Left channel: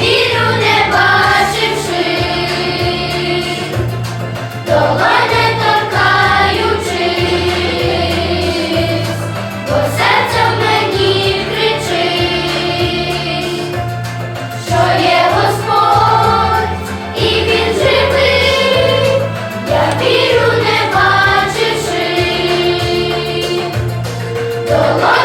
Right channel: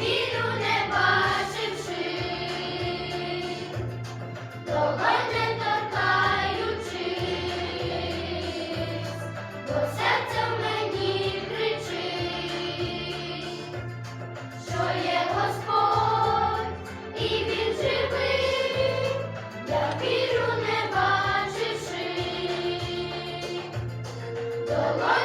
Віру не бачивших, дола не такючи, бо серця в мені кричи, що є Господь і він живий, я віру, не бачивших.